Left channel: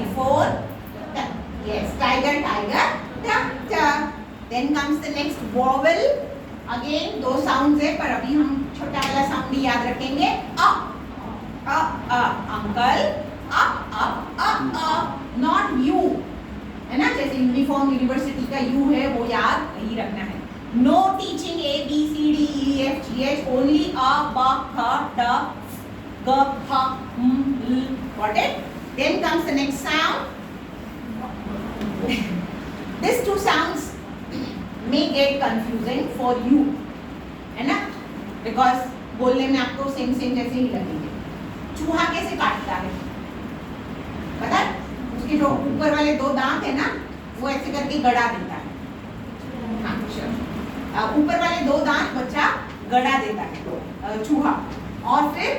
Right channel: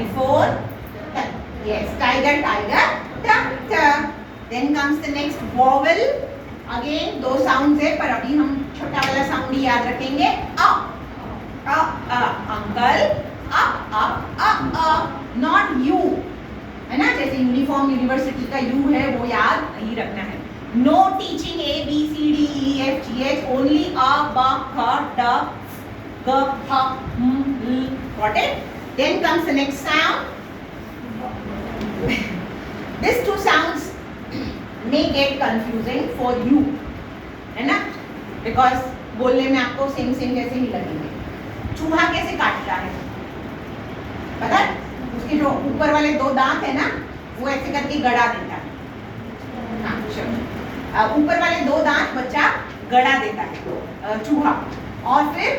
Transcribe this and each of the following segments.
telephone, yes, tiger, tiger, ta. Then comes the next vowel. Again दो sounds है, पर अभी हम छोटा वाला sound ही याद रखेंगे. Uncle, not you, है ना? जैसे यूनिफॉर्म यूनिवर्सिटी का यू है वो याद नहीं रखना है. No teaching A B C D E F G H, only a b k d g h m l. Got it? Then comes the next sound. These two sounds may get confusing for you, है ना? Because बोलने में आपको same जैसे ही लगेंगे. चूहा कैसे काटता है पता है? उसके जो ऊपर वाले दो दांत है ना, वो ऐसे करके गड़ा देता है. हाँ, ऊपर वाले दो दांत बच्चा गड़ा देता है चूहा. और फिर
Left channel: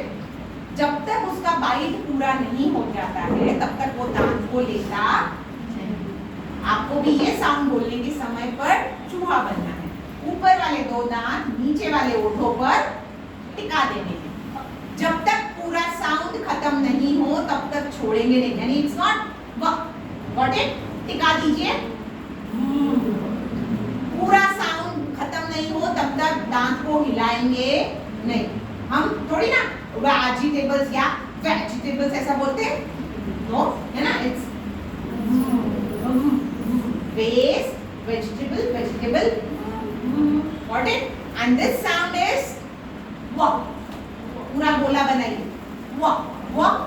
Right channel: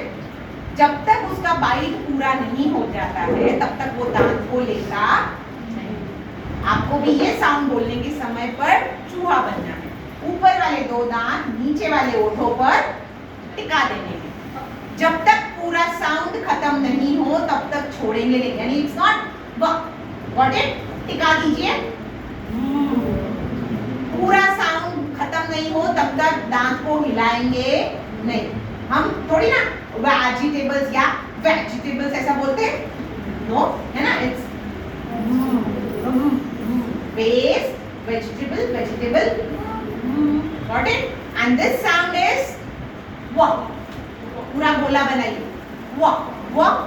जब तक उसका बाइट पूरा नहीं हो जाता है तब तक वो दांत को लेता नहीं. आपको भी ये साउंड बोलने के समय पर चूहा बनना है. ऊपर वाले दो दांत नीचे वाले ओठों पर टिका देने हैं. जब तक पूरा साउंड खत्म नहीं हो तब तक छोड़ेंगे नहीं. यानी इट्स नॉट गॉट इट. टिका दीजिए. पूरा साउंड खत्म नहीं हो तब तक दांत को हिलाएंगे नहीं. हम थोड़ी ना वेजिटेबल्स या वेजिटेबल्स ऐसा बोलते हैं, नो, है ना? It's base vegetable. Got it? And this sound is walk. पूरा बोला बनाइए. Walk. Wall,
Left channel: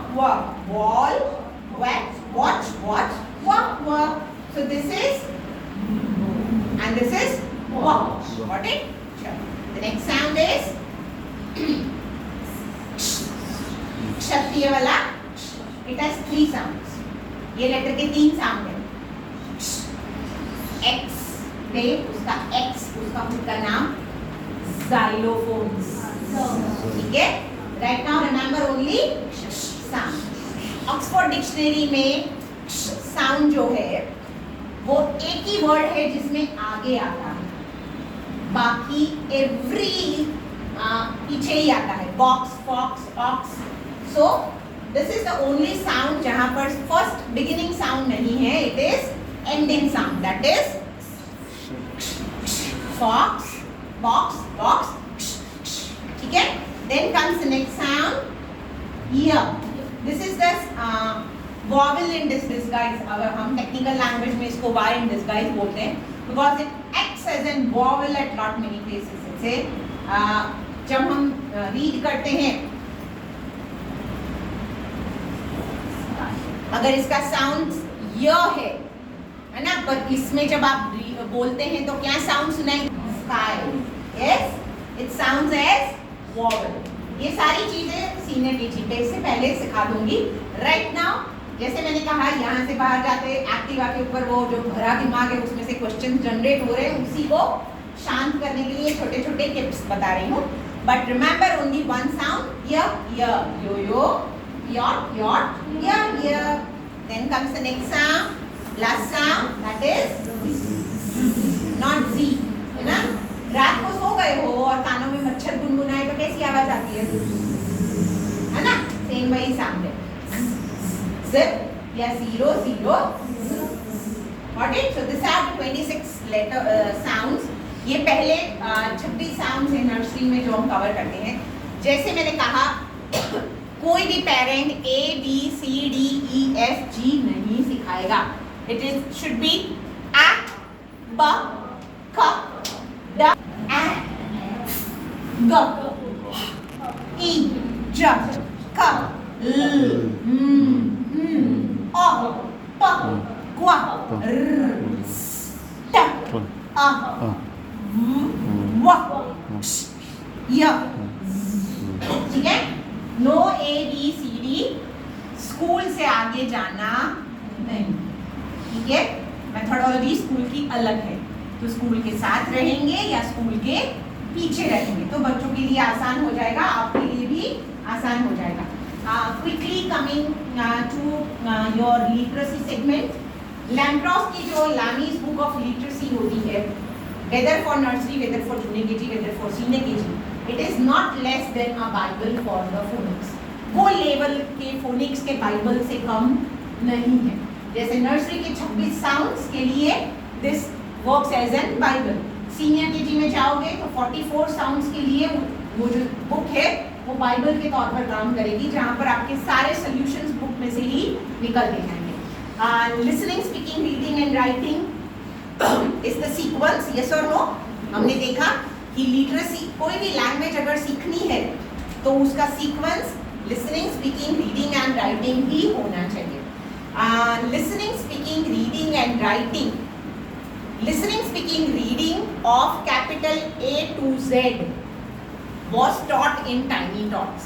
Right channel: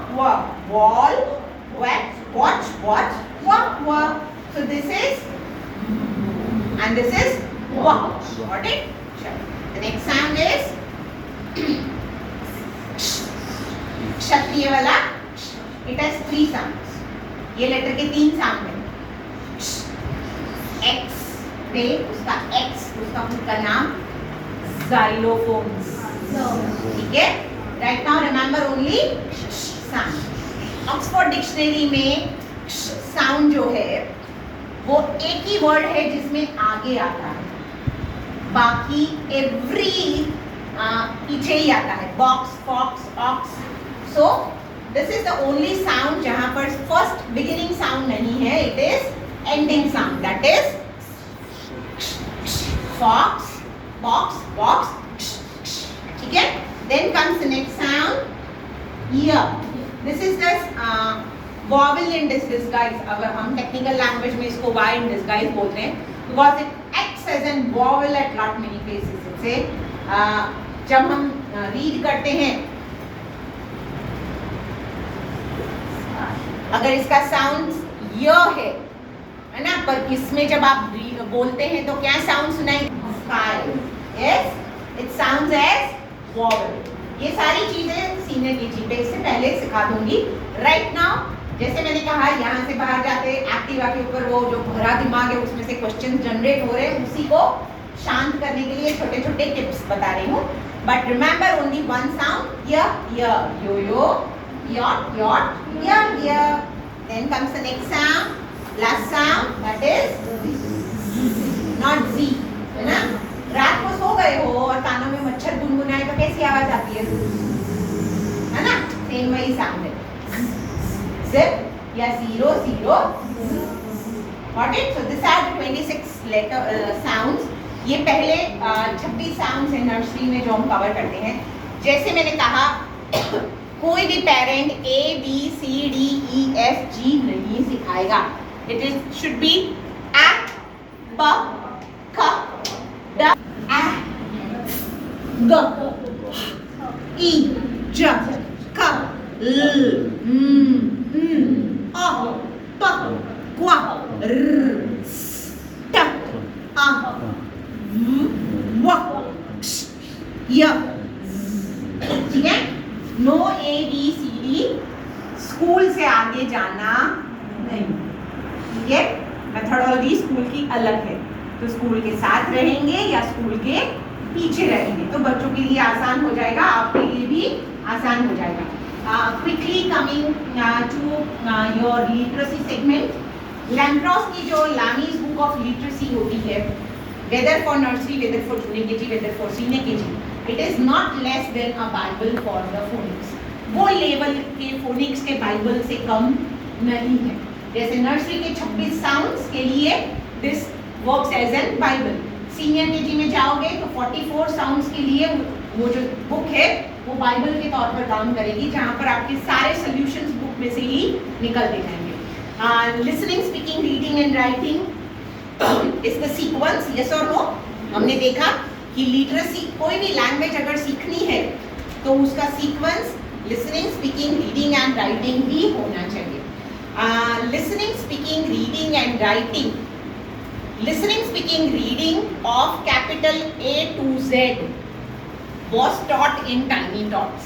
watch, walk. So this is and this is walk. Got it? The next sound is क्षत्रिय वाला. It has 3 sounds. ये letter के 3 sound है. X पे उसका खुद का नाम xylophones. ठीक है? Right now remember only sound. Oxford dictionary में साउंड जो है वो एक ही वर्ड है जिसमें आगे आता है. बाकी एवरी पीछे ही आता है. Box, fox, ox. So this is the only sound जहां पर फर्स्ट बिगिनिंग साउंड नहीं है. It is ending sound. That is fox, box. ठीक है? Then comes the next sound. Ear. This is the vowel in disguise. अगर हम technical language में इसको Y in disguise बोलते हैं, because it acts as a vowel at lot many places. जैसे जब हम read करते हैं, अगर इसका sound य है ना? पर इसमें जब आप बोलते हैं तो क्या साउंड सुनाई? Sky. Yes, it sounds as vowel. ये सारी चीजें सीनियर केजी पे इससे पहले सिखा दूंगी. राइट नाउ जैसे मैंने कहा यहाँ से बाहर जाते एक्टिवा के ऊपर वो जो भरा दिमाग है उसमें से क्वेश्चन जनरेट हो रहे हैं, उसी को शांत करने के लिए छोटे छोटे टिप्स बता रही हूँ. But remember only one sound. यो य. Then comes the next sound. Last sound, that is not Z, है ना? रात को सो गए हो और कानों में मच्छर गुनगुनाए तो कैसी आवाज आती है? है ना? सेम वही साउंड है. Zip या 0. Got it? So this are 26 letter sounds. ये पहले 26 sounds है नर्सरी में जो हम कवर करते हैं. जैसे मैंने कहा कोई भी parent A B C D E F G नहीं सिखाएगा. It should be A, B, K, D, A, G, E, J, K, L, M, N, O, P, Q, R, S, T, A, W, X, Y. ठीक है? No A B C D. School से आगे जाना नहीं. ठीक है? Methodology school की अलग है. तो स्कूल के साथ रहेंगे या स्कूल के पीछे रहेंगे तो बच्चों के लिए आसान हो जाएगा, आपके लिए भी आसान हो जाएगा. Quickly coming to your literacy segment. Lampros की जो लामीज बुक ऑफ लिटरेसी होती है, whether for nursery, whether for junior KG, whether for senior KG, it is not less than a bible for the phonics. वो level के phonics के bible से कम नहीं है। जैसे नर्सरी के 26 साउंड्स के लिए this works as an Bible. Senior KG में जाओगे तो 44 साउंड्स के लिए वो जो बुक है वो बाइबल के तौर पर काम करेगी, जहाँ पर आपके सारे सॉल्यूशंस बुक में से ही निकलते जाएंगे। Listening, speaking, reading and writing is the sequence, yes और नो। हमने देखा कि लिटरेसी, कोई भी लैंग्वेज अगर सीखनी है तो उसका sequence listening, speaking, reading and writing ही होना चाहिए। Listening, speaking, reading and writing, listening, speaking, reading of capital A to Z was taught in tiny tots.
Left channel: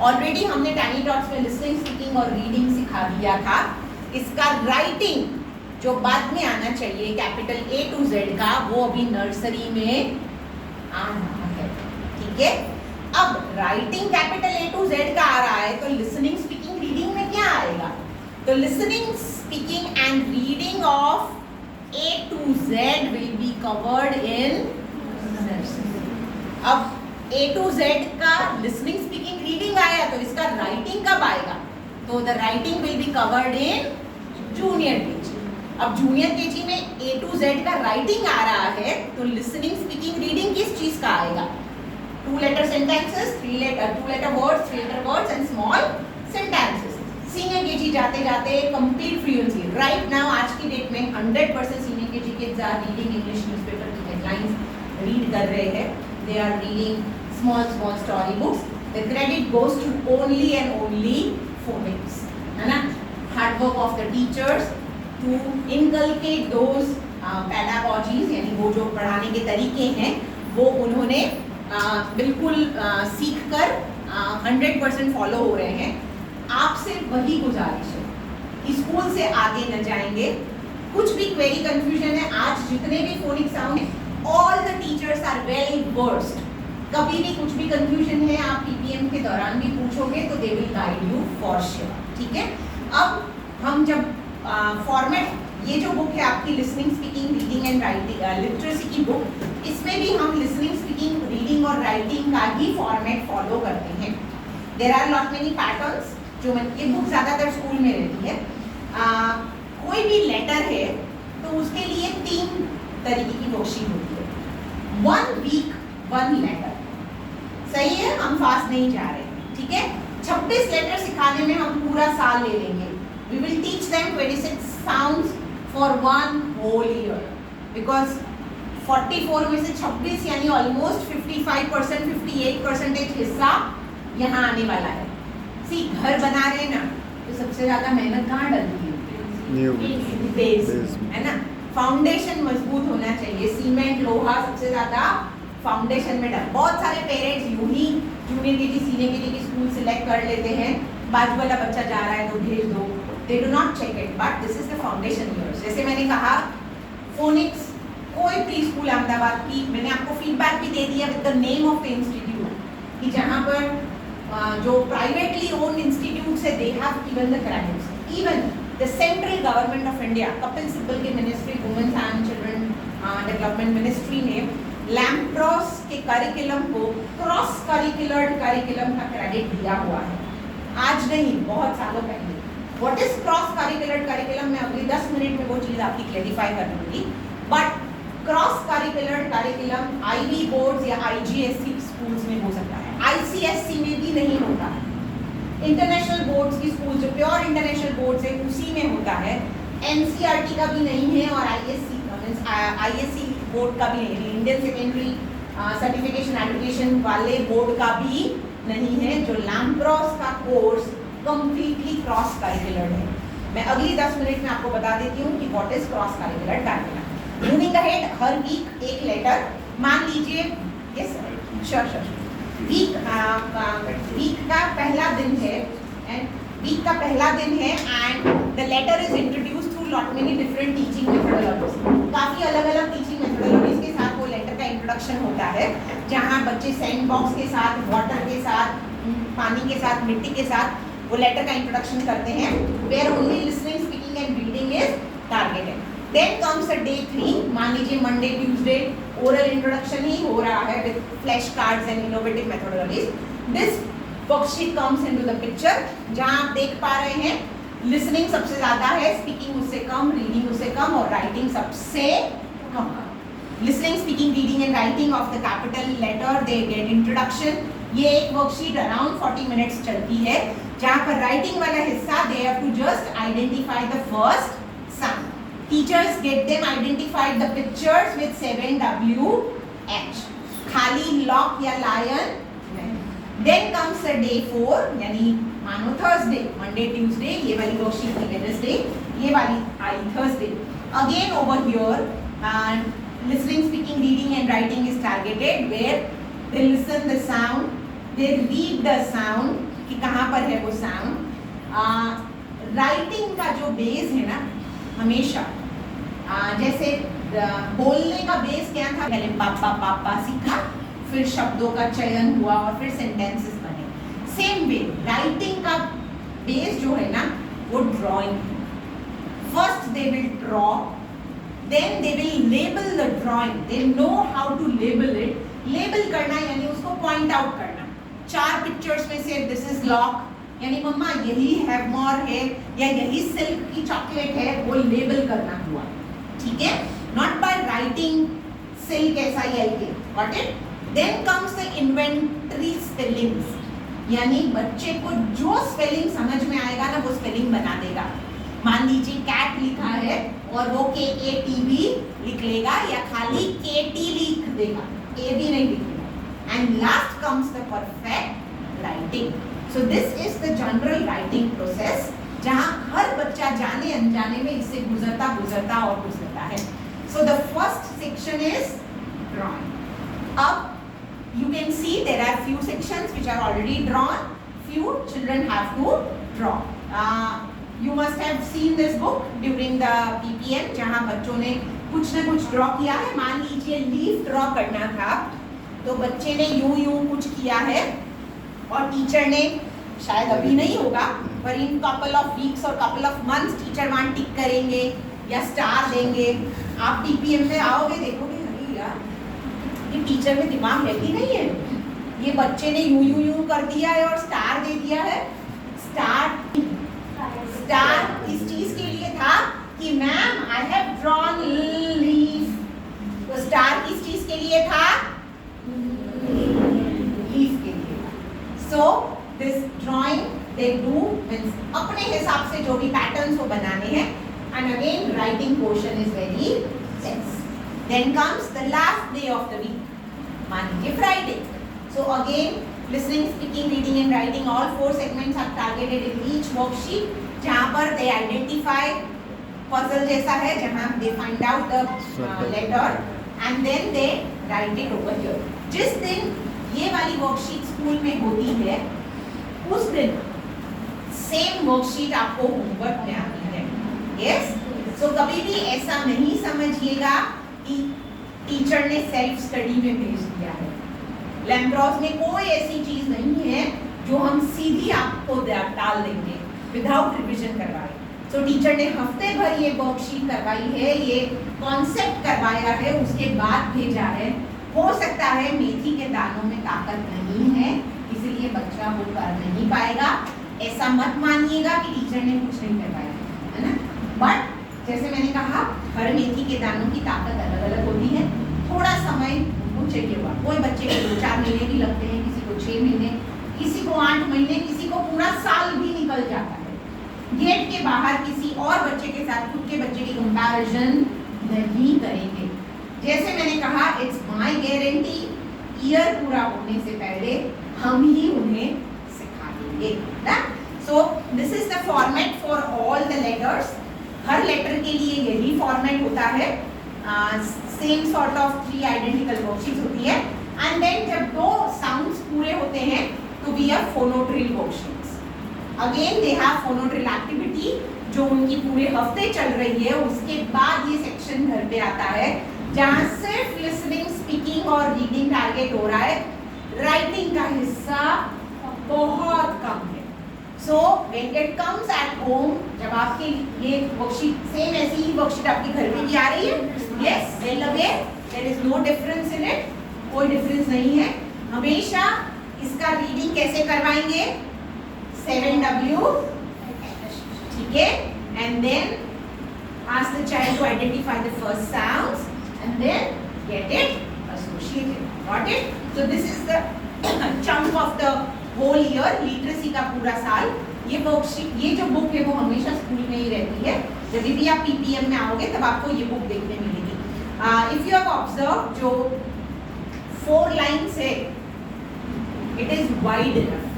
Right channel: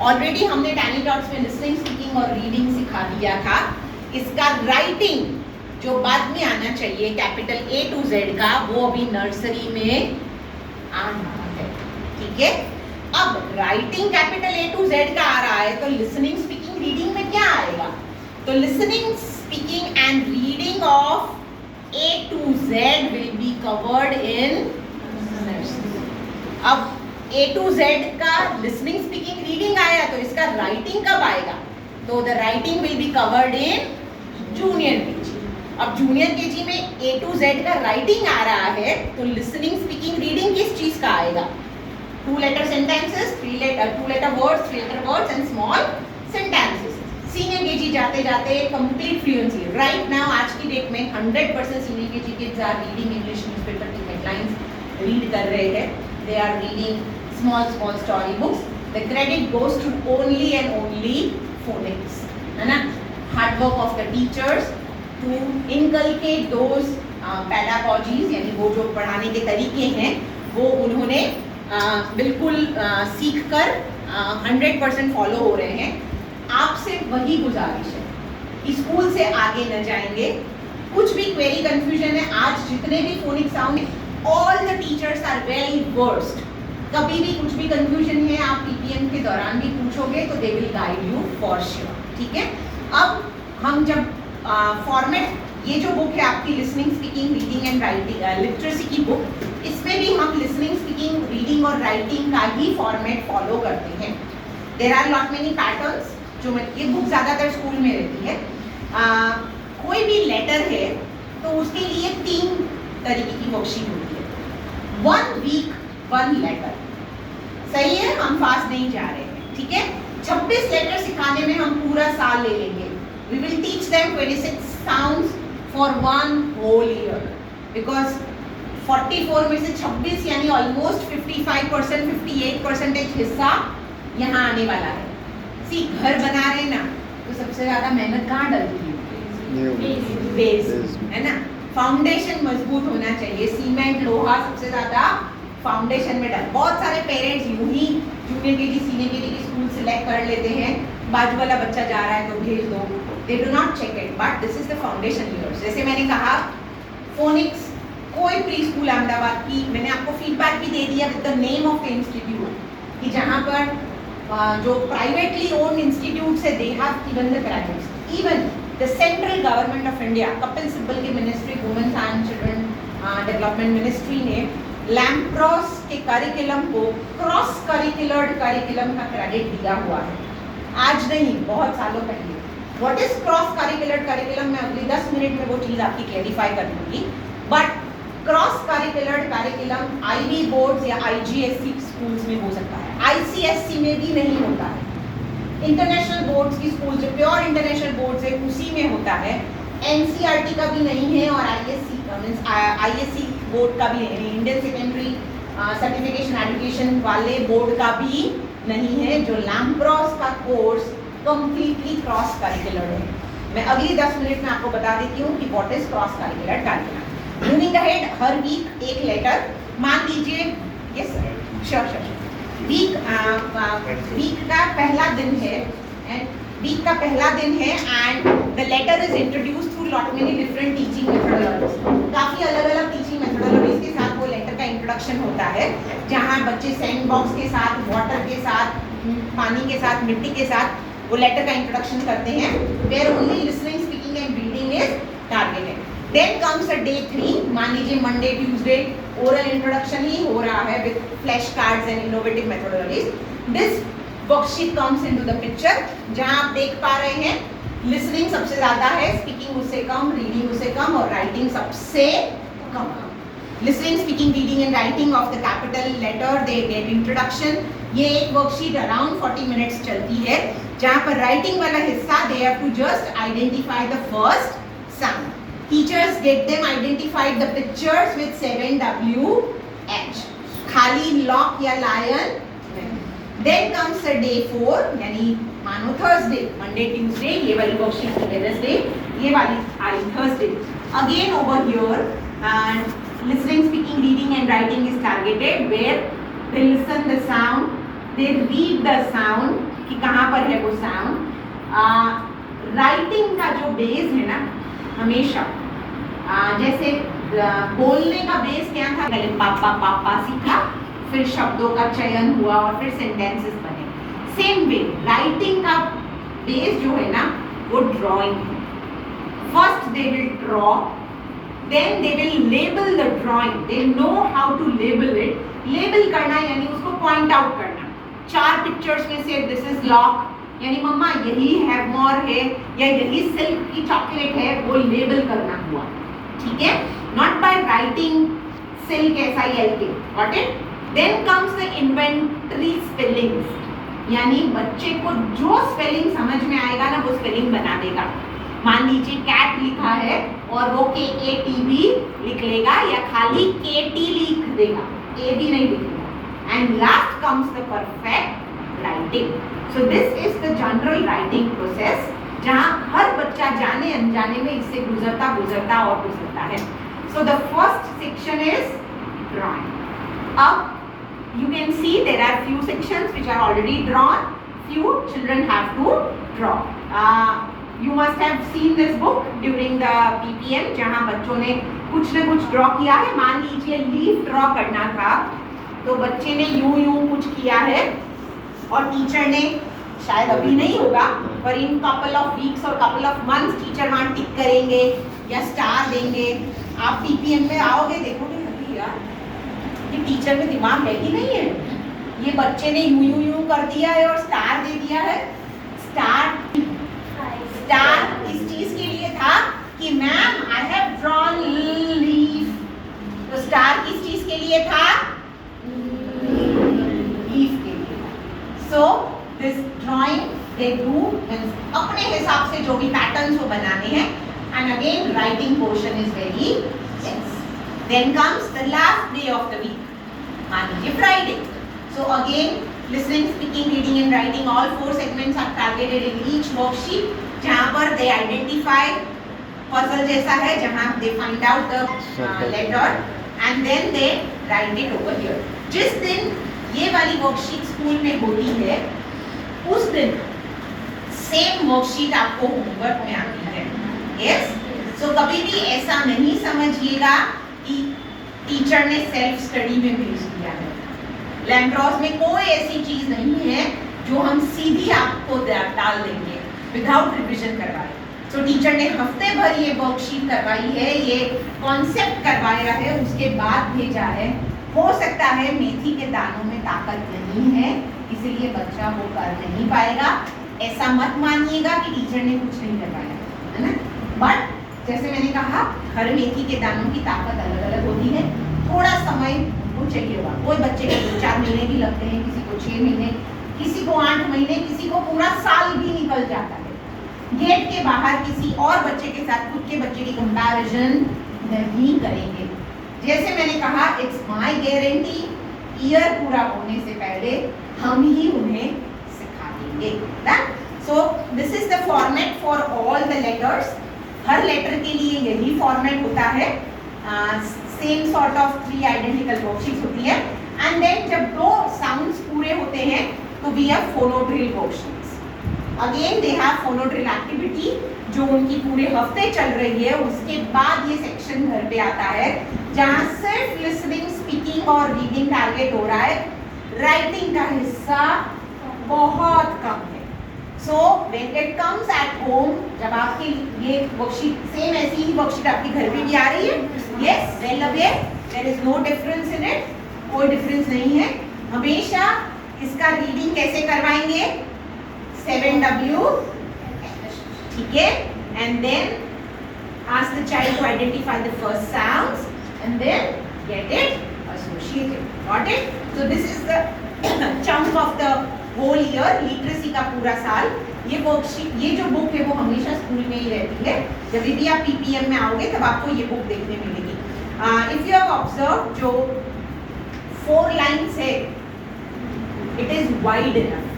Already हमने tiny tots में listening, speaking और reading सिखा दिया था। इसका writing जो बाद में आना चाहिए capital A to Z का, वो अभी नर्सरी में आ रहा है, ठीक है। अब writing capital A to Z का आ रहा है तो listening, speaking, reading में क्या आएगा? तो listening, speaking and reading of A to Z will be covered in nursery. अब A to Z का listening, speaking, reading आया तो इसका writing कब आएगा? तो the writing will be covered in junior KG. अब junior KG में A to Z का writing आ रहा है तो listening, speaking, reading किस चीज का आएगा? 2-letter sentences, 2-letter words, 3-letter words and small sentences. Senior KG जाते जाते कंप्लीट फ्लुएंसी राइट नाउ आज की डेट में 100% senior KG kids are reading English newspaper की हेडलाइंस रीड कर रहे हैं, they are reading small story books. The credit goes to only and only phonics, है ना। Hard work of the teachers to inculcate those pedagogies, यानी वो जो पढ़ाने के तरीके हैं वो उन्होंने बिल्कुल सीख कर 100% फॉलो हो रहे हैं। आपसे वही गुजारिश है, स्कूल से आगे न जाएंगे। कुछ भी क्वेरी कंफ्यूजन है, आज जितने भी फोनिक साउंड है, all the teachers are well versed. कभी भी कुछ भी कंफ्यूजन है आप पीपीएम के दौरान भी पूछोगे तो they will guide you for sure, ठीक है। अब हम जब फॉर्मेट, ये जो बुक है आपकी listening, speaking, reading and writing literacy की बुक, इसमें भी हम लिसनिंग, स्पीकिंग, रीडिंग और राइटिंग का ही फॉर्मेट फॉलो करते हैं। There are lot many patterns जो ये बुक ज़्यादातर स्कूल में रहती है। कोई भी लेटर है तो उसके लिए 3 तरीके की वर्कशीट होती है। 1 वीक 1 लेटर, सही है, हम फास्ट नहीं जा रहे, ठीक है। 26 लेटर सिखाने में हम पूरा साल ले लेंगे। We will teach them 26 sounds for 1 whole year, because 44 में से 26 यानी ऑलमोस्ट 55%, 58% हिस्सा यहाँ आने वाला है। घर बना रहे ना तो सबसे ज्यादा मेहनत कहाँ डलती है? बेस, है ना। फाउंडेशन मजबूत होना चाहिए। सीमेंट, लोहा सबसे ज्यादा फाउंडेशन में डल। बहुत सारे पेरेंट्स यूं ही जूनियर केजी, सीनियर केजी की स्कूल सिलेक्ट कर लेते हैं, बाजू वाला बच्चा जा रहा है तो भेज दो, they do not check it, but this is the foundation years. जैसे मैंने कहा फोनिक्स, कोई प्री स्कूल अहमदाबाद की, मैंने आपको फीडबैक भी दे दिया with the name of the institute, कि जहाँ पर जो प्राइवेटली ओन्ड इंस्टीट्यूट्स है, they have given the credits. Even the central government of India, Kapil Sibbal की ministry, women's and children development ministry ने लैम्प्रोस के करिकुलम को क्रॉस करिकुलर करिकुलम का क्रेडिट दिया हुआ है। आज नहीं, बहुत सालों पहले। What is cross curricular curriculum, मैं अगली 10 मिनट में वो चीज़ आपकी क्लैरिफाई कर दूंगी। But cross curricular curriculum IB boards या आईजीएससी स्कूल्स में हो सकता है, आईसीएससी में भी नहीं होता है। इंटरनेशनल बोर्ड्स की स्कूल जो प्योर इंटरनेशनल बोर्ड्स है उसी में होता है। एनसीईआरटी का भी नहीं है और आईएससी बोर्ड का भी नहीं है, इंडियन सेकेंडरी सर्टिफिकेशन एजुकेशन वाले बोर्ड का भी नहीं है। जो लैम्प्रोस का कोर्स कंप्लीटली क्रॉस करिकुलर है। मैं अगली 10 मिनट में आपको बता देती हूँ कि what is cross curricular curriculum. Moving ahead, हर वीक 1 लेटर, मान लीजिए, यस सर, श्योर, वीक का पहला दिन है and the letter is introduce through lot many different teaching methodologies. काफ़ी अलग अलग टीचिंग मेथोडोलॉजीज के साथ वो लेटर का इंट्रोडक्शन होता है, जहाँ बच्चे सैंड बॉक्स के साथ, वाटर के साथ, पानी के साथ, मिट्टी के साथ वो लेटर का इंट्रोडक्शन करते हैं, where only listening, speaking and reading is targeted. Then comes a day 3, मान लीजिए मंडे ट्यूसडे ओरल इंट्रोडक्शन ही हो रहा है with flash cards and innovative methodologies. This worksheet comes into the picture, जहां आप देख पा रहे हैं लिसनिंग सबसे ज्यादा है, स्पीकिंग उससे कम, रीडिंग उससे कम और राइटिंग सबसे कम। Listening, speaking, reading and writing of the capital letter, they get introduction. ये एक वर्कशीट अराउंड 40 मिनट्स चलती है, जहां पर राइटिंग वाला हिस्सा they have to just identify the first sound. Teachers get them identified the pictures with 7WH, खाली lock या lion. Then comes the day 4, यानी मानो थर्सडे, मंडे, ट्यूसडे, ये वाली वर्कशीट की वेडनेसडे, ये वाली आई Thursday. Again over here listening, speaking, reading and writing is targeted where they listen the sound, they read the sound कि कहाँ पर है वो sound। राइटिंग का जो बेस है ना, हमेशा जैसे बोलने का बेस क्या था, पहले पापा पापा सीखा, फिर शब्दों का चयन हुआ और फिर सेंटेंसेस बने। सेम वे राइटिंग का बेस जो है ना वो ड्राइंग है। First they will draw, then they will label the drawing, they know how to label it। label करना यानी उसको point out करना। 4 पिक्चर्स में से this is lock, यानी मम्मा यही हैवमोर है या यही सिल्क की चॉकलेट है, वो लेबल करना हुआ, ठीक है। not by writing silk SILK, got it। then comes the inventory spellings, यानी बच्चे को जो स्पेलिंग समझ में आएगा ना वो स्पेलिंग बना देगा। मान लीजिए कैट लिखा है और वो KATB लिख लेगा या खाली KT लिख देगा, AB नहीं लिखेगा। And last comes the perfect writing. So this is the general writing process, जहां हर बच्चा जाने अनजाने में इससे गुजरता है। So the first section is drawing. अब you can see there are few sections which are already drawn, few children have to draw. You must have seen this book during the PPM, जहाँ बच्चों ने कुछ न कुछ draw किया है। मान लीजिए लीफ ड्रॉ करना था, तो बच्चे ने यूं कुछ किया है और टीचर ने, शायद अभी नहीं होगा पर इन कपल ऑफ वीक्स और कपल ऑफ मंथ्स टीचर वहाँ टिक करेंगे या स्टार देंगे। आप PPM में आओगे देखोगे अभी यार ये टीचर में दिमाग है कि नहीं है, ये बच्चे ने यूं कर दिया है और स्टार दे दिया है। स्टार किस चीज के लिए था कि ma'am I have drawn leaf, तो स्टार किस चीज के लिए था, लीफ के लिए। So this drawing they do अपने हिसाब से जो भी पैटर्न्स वो बनाने हैं। And again writing portion is very less. Then comes the last day of the week, मान लीजिए Friday. So again listening, speaking, reading and writing, all 4 segments are targeted in each worksheet, जहाँ पर they identify puzzle जैसा है, जहाँ they find out the letter and then they write it over here। जिस दिन ये वाली वर्कशीट स्कूल में होती है उस दिन सेम वर्कशीट आपको होमवर्क में आती है। यस, सो कभी भी ऐसा नहीं समझिएगा कि टीचर ने सेल्फ स्टडी में भेज दिया है। लैम्ब्रॉस में कोई ऐसी चीज नहीं है जो हम सीधी आपको डाल देंगे विदाउट रिविजन करवाए। तो टीचर ने हफ्ते भर ये वर्कशीट करवाई है, ये कॉन्सेप्ट करवाया है, उसके बाद भेजा है। हो सकता है मेथी के दानों में ताकत नहीं है इसलिए बच्चा वो कर नहीं पाएगा। ऐसा मत मानिएगा कि टीचर ने कुछ नहीं करवाया, है ना। बट जैसे मैंने कहा हर मेथी के दानों की ताकत अलग अलग होती है, थोड़ा समय चाहिए होगा। कोई बच्चे को 4 महीने भी लगते हैं, किसी को 6 महीने, किसी को 8 महीने, किसी को पूरा साल भी निकल जाता है। गेट के बाहर किसी और बच्चे के साथ खुद के बच्चे की कंपैरिजन नहीं करेंगे। जैसे मैंने कहा इट्स माय गारंटी, ईयर पूरा होने से पहले हम ही उन्हें सिखा देंगे। So this is the format for all the letters. हर लेटर के लिए यही फॉर्मेट होता है। Same sort of 3 identical worksheets होती है। एंड देन जब 2 साउंड्स पूरे होते हैं तो we have phonodrill worksheets. Again they have phonodrill activity जो उनकी पूरे हफ्ते चल रही है। उसके बाद ये सेक्शन घर पे आता है जहाँ सिर्फ लिसनिंग, स्पीकिंग और रीडिंग टारगेट हो रहा है। राइटिंग का हिस्सा बहुत कम है। So when it comes at home, जब आपके ये वर्कशीट सेम ऐसी ही वर्कशीट आपके घर पे भी आ रही है, yes well aware, there is no difference in it, कोई डिफरेंस नहीं है। हमेशा इसका रीडिंग कैसे करवाएंगे, 7W ठीक है, and then ask the child to identify the first sounds and then get it associated. Got it? So this is the chunk of the whole year, literacy का पूरा साल. ये वर्कशीट, ये जो बुक है वो हमेशा स्कूल में ही रहती है. जब भी आप PPM में आओगे तब आपको ये बुक देखने मिलेगी. If you have observed, जो 4 lines है, it is wide enough.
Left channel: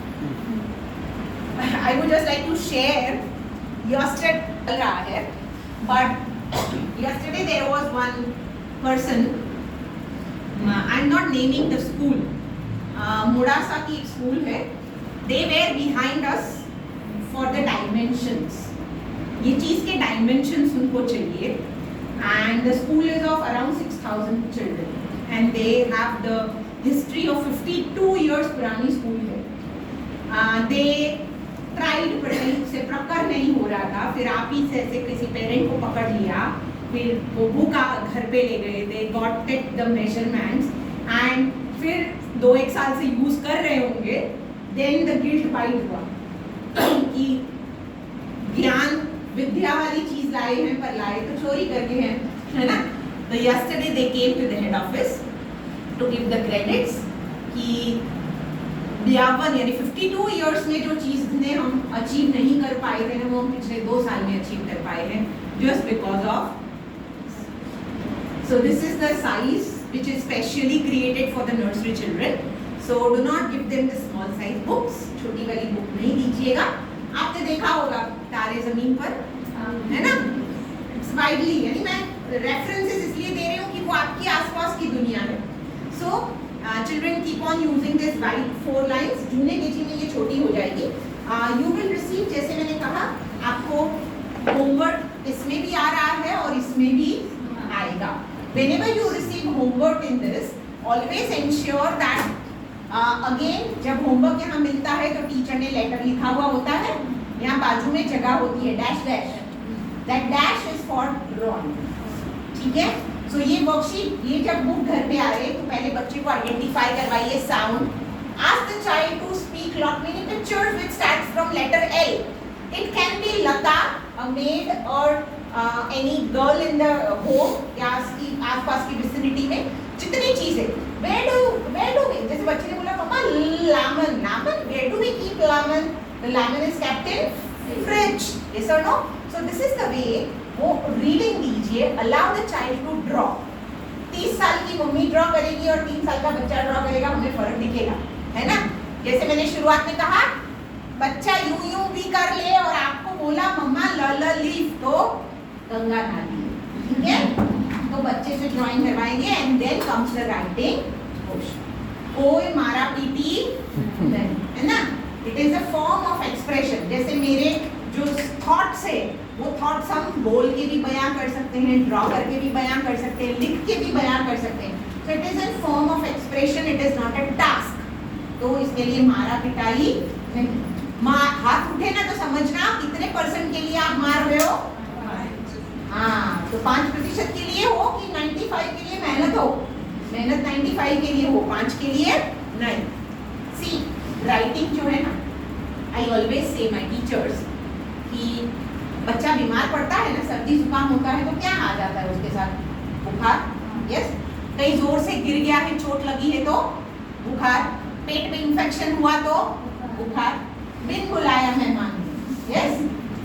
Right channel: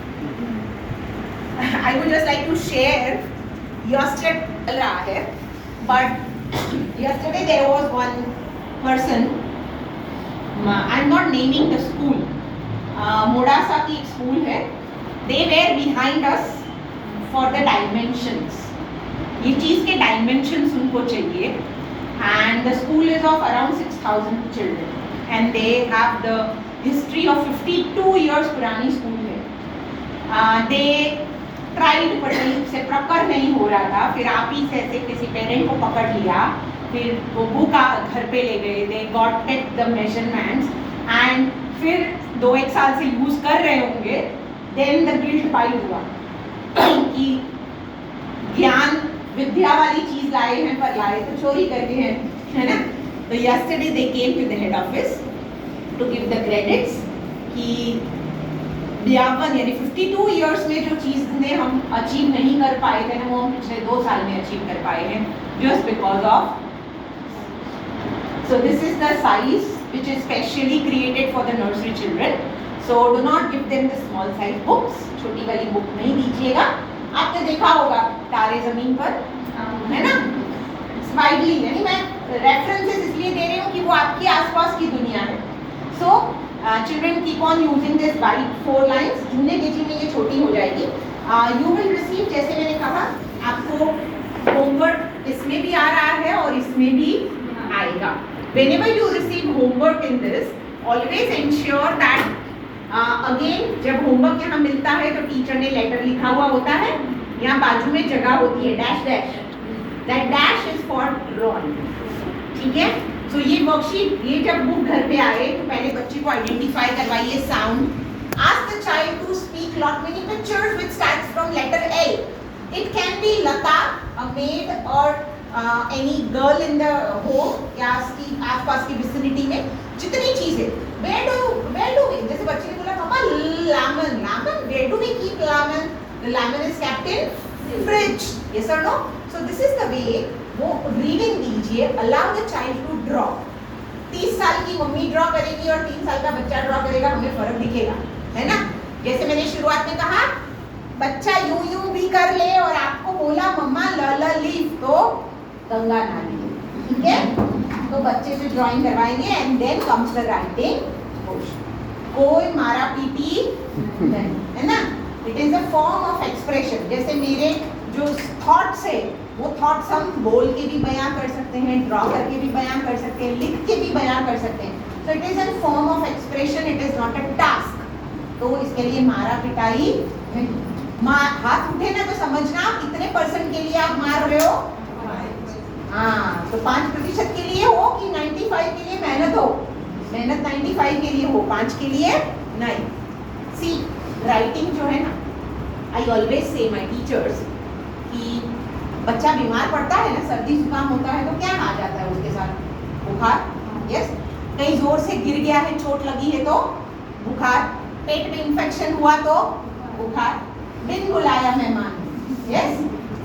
I would just like to share. Yesterday चल रहा है, but yesterday there was one person. I'm not naming the school. Modasa की एक स्कूल है. They were behind us for the dimensions. ये चीज़ के dimensions उनको चाहिए. And the school is of around 6,000 children. And they have the history of 52 years पुरानी school है. They tried पढ़ने से प्रॉपर नहीं हो रहा था. फिर आप ही से ऐसे किसी पेरेंट को पकड़ लिया, फिर वो बुक घर पे ले गए. They got take the measurements and फिर 2-1 साल से यूज कर रहे होंगे. देन द गिल्ट बाइट हुआ कि ज्ञान विद्या वाली चीज लाए हैं, पर लाए तो चोरी करके हैं, है ना. तो yesterday they came to the head office to give the credits कि 52 यानी 52 इयर्स में जो चीज़ ने हम अचीव नहीं कर पाए थे ना, वो हम पिछले 2 साल में अचीव कर पाए हैं, just because of. So this is the size which is specially created for the nursery children. So do not give them the small size books. छोटी वाली बुक नहीं दीजिएगा. आपने देखा होगा तारे जमीन पर, है ना, वाइडली, यानी मैं रेफरेंसेस इसलिए दे रही हूँ कि वो आपके आसपास की दुनिया है. सो children keep on using this wide 4 lines. Junior KG में ये छोटी हो जाएगी. You will receive, जैसे मैंने कहा, आपको होमवर्क इसमें भी आ रहा है और इसमें भी आएगा. Whenever you receive homework in this, always ensure that again जब होमवर्क यहाँ मिलता है तो टीचर ने लेटर लिखा हुआ होता है. यहाँ बाजू में जगह होती है dash dash. That dash is for drawing. ठीक है. तो ये वर्कशीट, ये जब बुक घर पे आए तो पहले बच्चे को आइडेंटिफाई करवाइए sound. Ask the child to speak lot many pictures which starts from letter L. It can be Lata, a maid, or any girl in the home या आसपास की विसिनिटी में जितनी चीजें. Where do we, जैसे बच्चे ने बोला मम्मा lemon, where do we keep lemon? The lemon is kept in fridge. Yes or no? So this is the way. वो रीडिंग दीजिए. Allow the child to draw. 30 साल की मम्मी ड्रॉ करेगी और 3 साल का बच्चा ड्रॉ करेगा, हमें फर्क दिखेगा, है ना. जैसे मैंने शुरुआत में कहा, बच्चा यूं भी कर ले और आपको बोला मम्मा ल लीफ, तो गंगा नदी, ठीक है. तो बच्चे से ड्राइंग करवाएंगे and then comes the writing. कोई मारा पीटी नहीं, है ना. It is a form of expression. जैसे मेरे जो थॉट्स है, वो थॉट्स हम बोल के भी बयां कर सकते हैं, ड्रॉ करके भी बयां कर सकते हैं, लिख के भी बयां कर सकते हैं. So it is a form of expression. It is not a task. तो इसके लिए मारा पिटाई नहीं. हाथ उठे ना तो समझना कितने % के लिए आप मार रहे हो. हाँ, तो 5% के लिए हो कि 95 के लिए मेहनत हो. मेहनत 95 के लिए हो, 5 के लिए नहीं. सी राइटिंग जो है ना, I always say my teachers कि बच्चा बीमार पड़ता है ना, सर्दी जुकाम होता है, तो क्या आ जाता है उसके साथ? बुखार. यस. कहीं जोर से गिर गया है, चोट लगी है तो बुखार. पेट में इंफेक्शन हुआ तो बुखार. बिन बुलाया मेहमान. यस.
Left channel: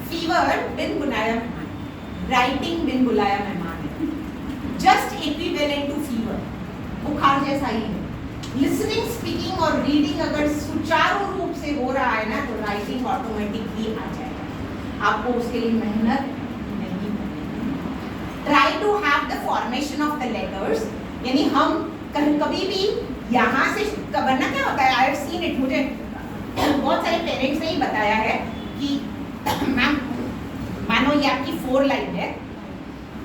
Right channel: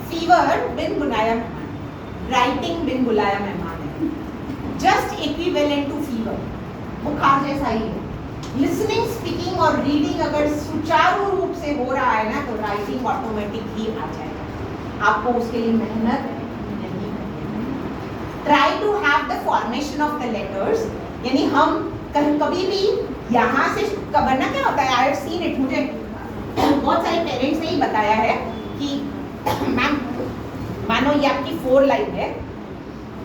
फीवर बिन बुलाया मेहमान. राइटिंग बिन बुलाया मेहमान है. Just equivalent to fever. बुखार जैसा ही है. लिसनिंग, स्पीकिंग और रीडिंग अगर सुचारू रूप से हो रहा है ना, तो राइटिंग ऑटोमेटिक ही आ जाएगा. आपको उसके लिए मेहनत नहीं करनी. Try to have the formation of the letters. यानी हम कभी भी यहाँ से वरना क्या होता है, आई हैव सीन इट, मुझे बहुत सारे पेरेंट्स ने ही बताया है कि मैम मानो ये आपकी 4 लाइन है,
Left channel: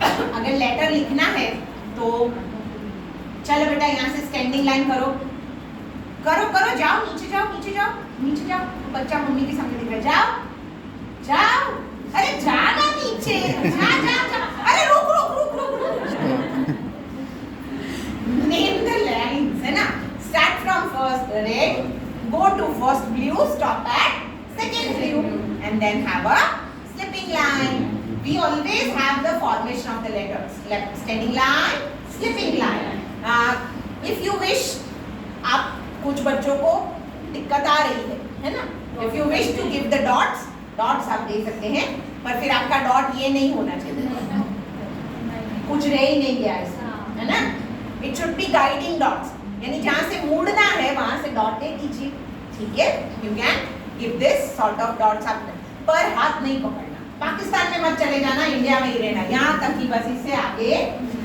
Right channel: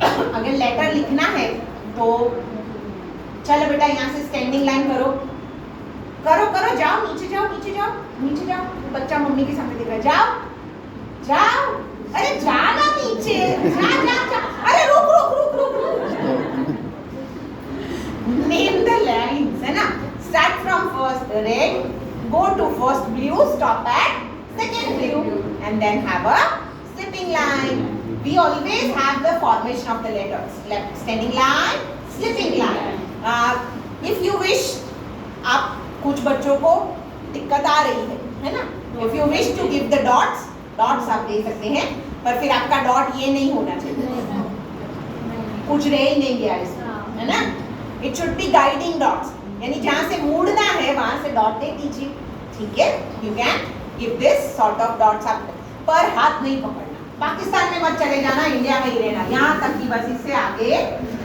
अगर लेटर लिखना है तो चलो बेटा यहाँ से स्टैंडिंग लाइन करो करो करो, जाओ नीचे जाओ नीचे जाओ नीचे जाओ. बच्चा मम्मी के सामने दिख रहा है, जाओ जाओ, अरे जाना नीचे, जा जा जा, अरे रुक रुक रुक रुक रुक. नेम द लाइन्स, है ना. Start from first red, go to first blue, stop at second blue, and then have a slip slipping line. We always have the formation of the letters. Left standing line, slipping line. If you wish, आप कुछ बच्चों को दिक्कत आ रही है ना? If you wish to give the dots, dots आप दे सकते हैं, पर फिर आपका डॉट ये नहीं होना चाहिए, कुछ रह ही नहीं गया इसमें, है ना? It should be guiding dots. यानी जहाँ से मुड़ना है वहाँ से डॉट दे दीजिए, ठीक है? You can give this sort of dots up. पर हाथ नहीं पकड़ना. पाकिस्तान में मत चले जाना, इंडिया में ही रहना. यहाँ तक ही बस, इससे आगे